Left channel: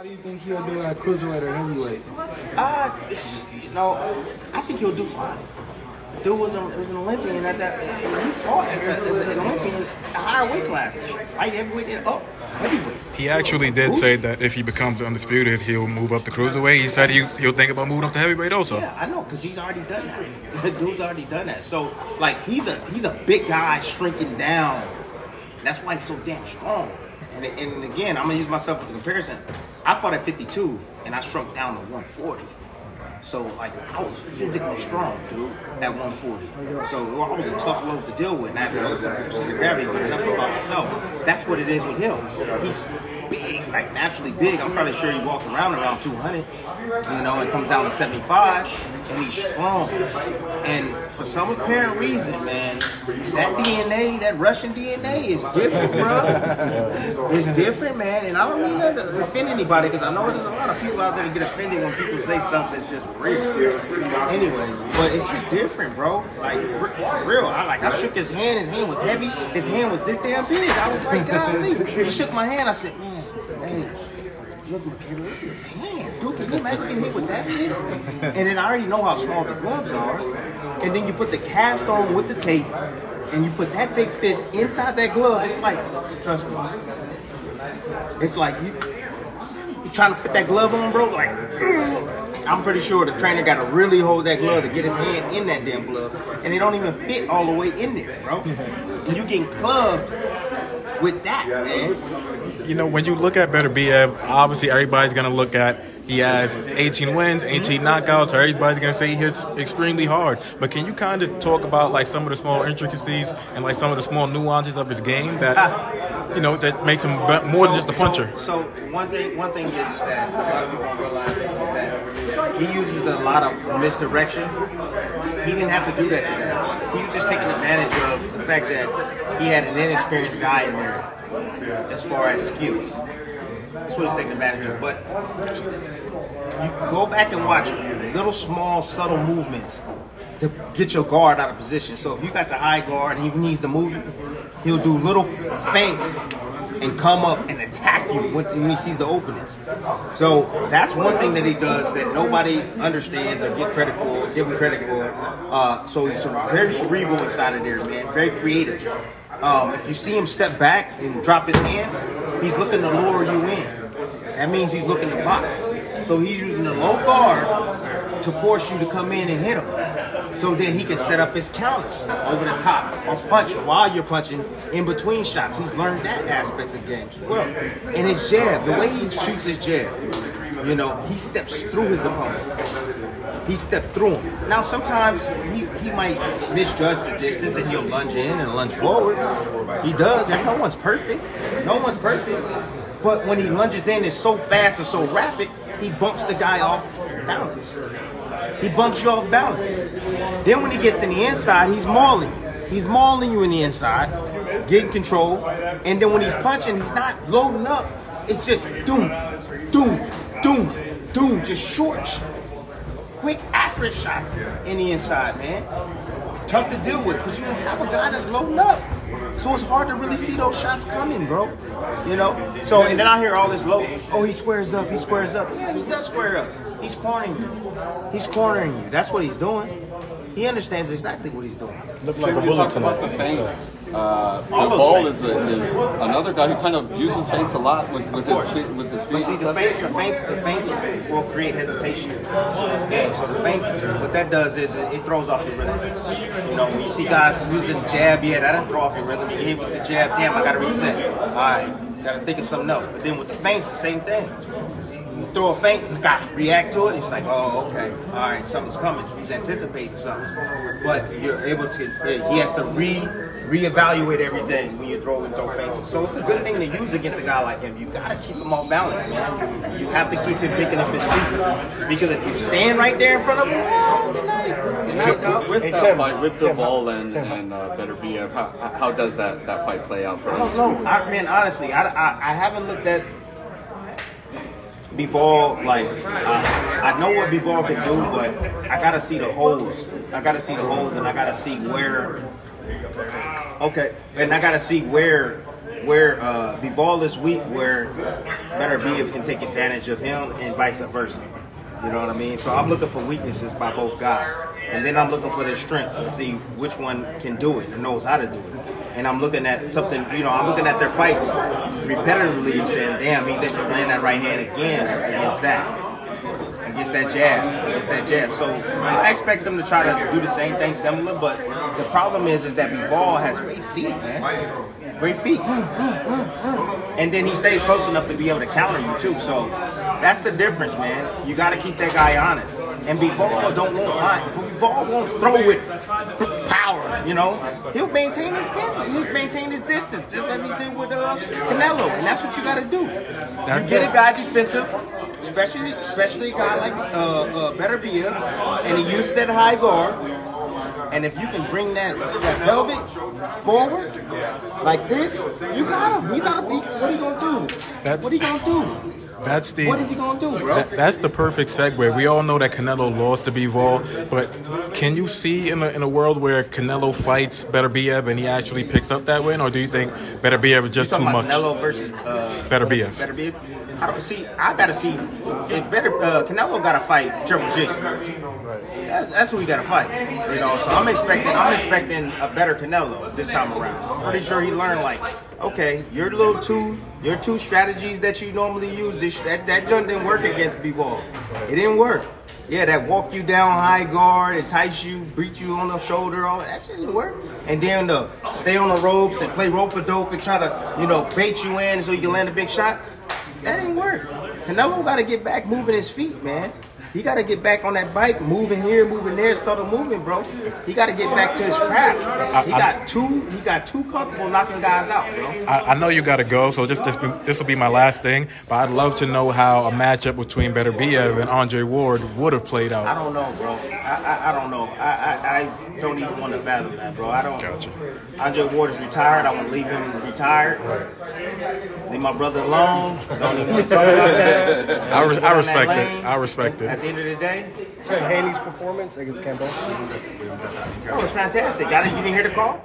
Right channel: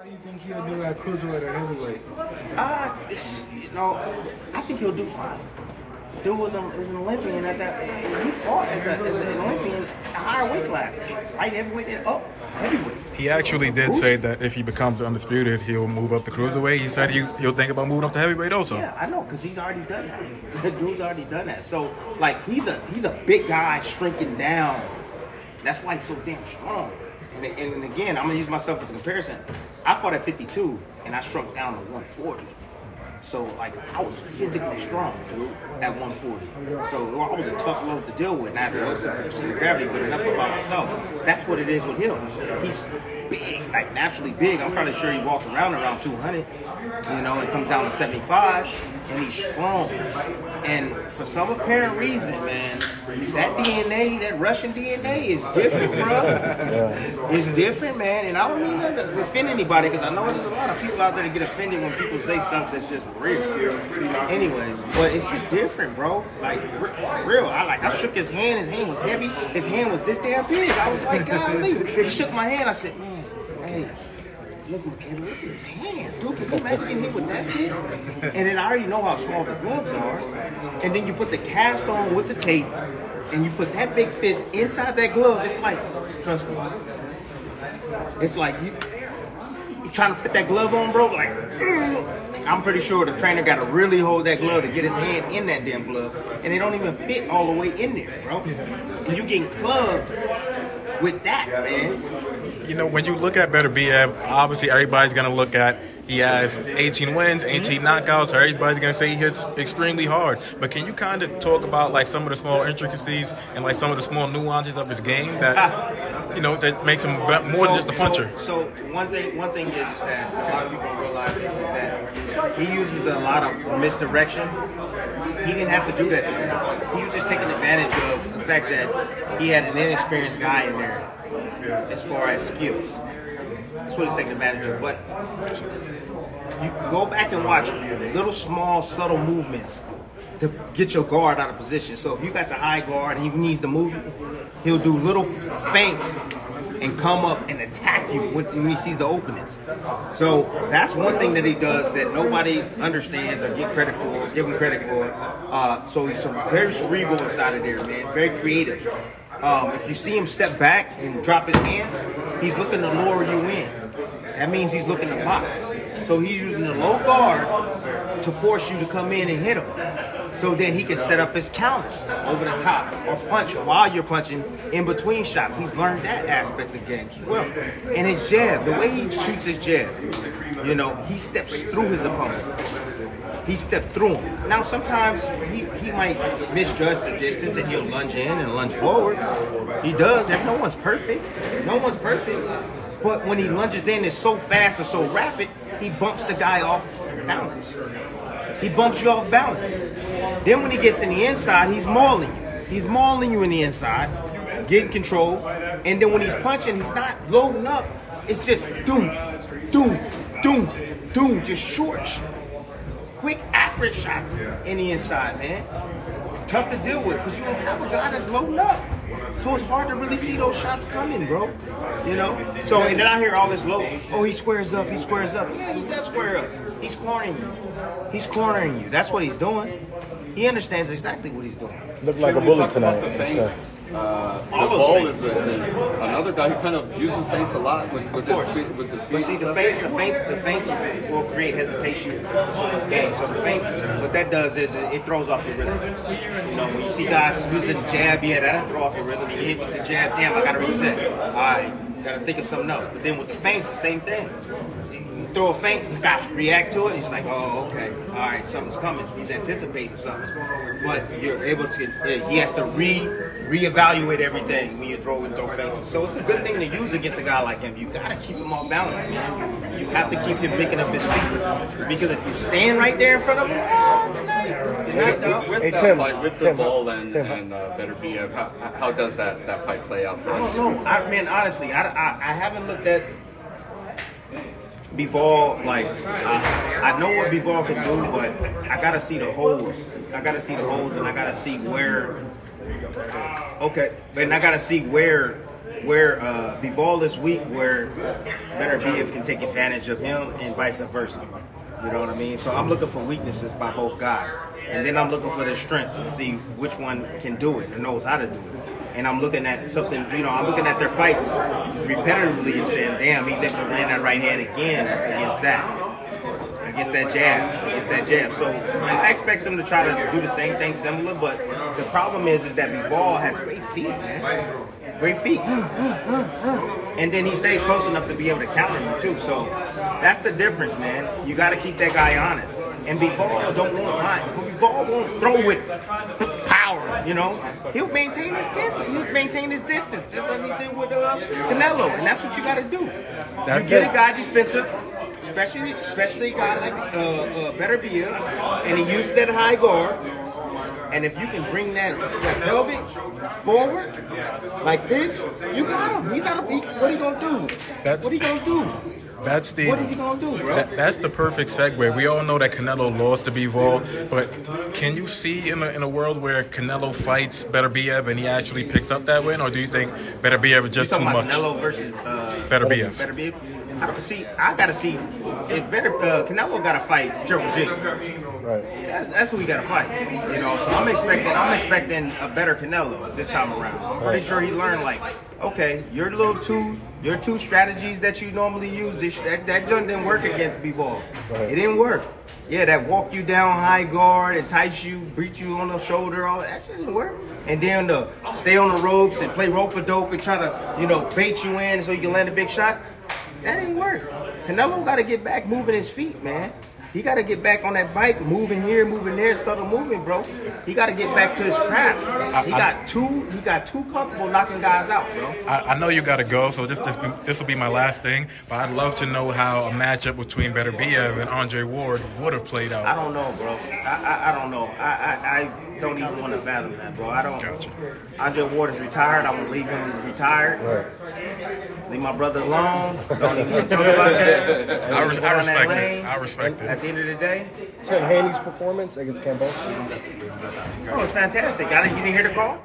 How do you think he'll do at cruiserweight or heavyweight? I think he'll do fine. Dude was an Olympian at that. He fought as an Olympian at a higher weight class, light heavyweight and up heavyweight. He actually did say that if he becomes undisputed, he'll move up to cruiserweight. He said he'll think about moving up to heavyweight also. Yeah, I know, because he's already done that. The dude's already done that. So, like, he's a big guy shrinking down. That's why he's so damn strong. And again, I'm gonna use myself as a comparison. I fought at 52 and I shrunk down to 140. So, like, I was physically strong, dude, at 140. So, I was a tough load to deal with. And I had to know some center gravity, but enough about myself. That's what it is with him. He's big, like, naturally big. I'm probably sure he walks around 200, you know, and comes down to 75, and he's strong. And for some apparent reason, man, that DNA, that Russian DNA is different, bro. It's different, man. And I don't mean to offend anybody, because I know there's a lot of people out there that get offended when people say stuff that's just real. Anyways, but it's just different, bro. Like, for real. I shook his hand was heavy. His hand was this damn big. I was like, golly. He shook my hand. I said, man, hey. Look, McKenna, look at his hands, dude. Can you imagine getting hit with that fist? And then I already know how small the gloves are. And then you put the cast on with the tape, and you put that big fist inside that glove. It's like, trust me, it's like you trying to fit that glove on, bro. Like, I'm pretty sure the trainer got to really hold that glove to get his hand in that damn glove, and it don't even fit all the way in there, bro. And you getting clubbed with that, man. You know, when you look at Beterbiev, obviously everybody's going to look at he has 18 wins, 18 knockouts, so everybody's going to say he hits extremely hard. But can you kind of talk about, like, some of the small intricacies and, like, some of the small nuances of his game that, you know, that makes him more than just a puncher? So one thing is that a lot of people don't realize is that he uses a lot of misdirection. He didn't have to do that today. He was just taking advantage of the fact that he had an inexperienced guy in there as far as skills. That's what he's taking advantage of. But you go back and watch little small subtle movements to get your guard out of position. So if you got your high guard and he needs to move, he'll do little feints and come up and attack you when he sees the openings. So that's one thing that he does that nobody understands or give him credit for. So he's very cerebral inside of there, man. Very creative. If you see him step back and drop his hands, he's looking to lure you in. That means he's looking to box. So he's using the low guard to force you to come in and hit him. So then he can set up his counters over the top or punch while you're punching in between shots. He's learned that aspect of the game as well. And his jab, the way he shoots his jab, you know, he steps through his opponent. He stepped through him. Now, sometimes he might misjudge the distance and he'll lunge in and lunge forward. He does. No one's perfect. No one's perfect. But when he lunges in, it's so fast and so rapid, he bumps the guy off balance. He bumps you off balance. Then when he gets in the inside, he's mauling you. He's mauling you in the inside, getting control. And then when he's punching, he's not loading up. It's just doom, doom, doom, doom, just short, quick, accurate shots in the inside, man. Tough to deal with because you don't have a guy that's loading up. So it's hard to really see those shots coming, bro. You know? So, and then I hear all this low, oh, he squares up, he squares up. Yeah, he does square up. He's cornering you. He's cornering you. That's what he's doing. He understands exactly what he's doing. Looked like a bully tonight. The feints. Ball is another guy who kind of uses feints a lot with his feet. But see, the feints will create hesitation in someone's game. So the feints, what that does is it throws off your rhythm. You know, when you see guys using the jab, yeah, that doesn't throw off your rhythm. You hit with the jab, damn, I got to reset. All right, got to think of something else. But then with the feints, the same thing. You throw a feint, the guy react to it. He's like, oh, okay, all right, something's coming. He's anticipating something. But you're able to, he has to reevaluate everything when you throw feints. So it's a good thing to use against a guy like him. You got to keep him off balance, man. You have to keep him picking up his feet. Because if you stand right there in front of him, oh, good night. Good night, dog. With the ball and Beterbiev, how does that fight play out for him? I don't know. Man, honestly, I haven't looked at Bivol, like, I know what Bivol can do, but I gotta see the holes. I gotta see the holes, and I gotta see where. Okay, and I gotta see where where Bivol is weak, where Beterbiev can take advantage of him, and vice versa. You know what I mean? So I'm looking for weaknesses by both guys. And then I'm looking for their strengths to see which one can do it and knows how to do it. And I'm looking at something, you know, I'm looking at their fights repetitively and saying, damn, he's able to land that right hand again against that jab. So I expect them to try to do the same thing similar, but the problem is that Bivol has great feet, man. Great feet. And then he stays close enough to be able to counter you too. So that's the difference, man. You got to keep that guy honest. And Bivol Bivol won't throw with power, you know. He'll maintain his business. He'll maintain his distance, just as he did with Canelo. And that's what you got to do. You get a guy defensive, especially a guy like Beterbiev, and he uses that high guard. And if you can bring that pelvic forward like this, you got him. He's out of peak. What are you gonna do? What are you gonna do? What is he gonna do, bro? That's the perfect segue. We all know that Canelo lost to Bivol, but can you see in a world where Canelo fights Beterbiev and he actually picks up that win, or do you think Beterbiev is just too much? Canelo versus Beterbiev. I gotta see. If Canelo gotta fight Triple G. That's who we gotta fight. You know, so I'm expecting a better Canelo this time around. I'm pretty sure he learned, like, okay, your two strategies that you normally use, that joint didn't work against Bivol. It didn't work. Yeah, that walk you down high guard, entice you, beat you on the shoulder, all that shit didn't work. And then the stay on the ropes and play rope-a-dope and try to, you know, bait you in so you can land a big shot. That didn't work. Canelo got to get back moving his feet, man. He got to get back on that bike, moving here, moving there, subtle movement, bro. He got to get back to his craft. He got too comfortable knocking guys out, bro. I know you got to go, so this will be my last thing. But I'd love to know how a matchup between Beterbiev and Andre Ward would have played out. I don't know, bro. I don't know. I don't even want to fathom that, bro. I don't. Gotcha. Andre Ward is retired. I want to leave him retired. Right. Leave my brother alone. Don't even want to talk about that. I respect it. I respect it. At the end of the day, Haney's performance against Campbell. oh, it was fantastic. You didn't hear the call?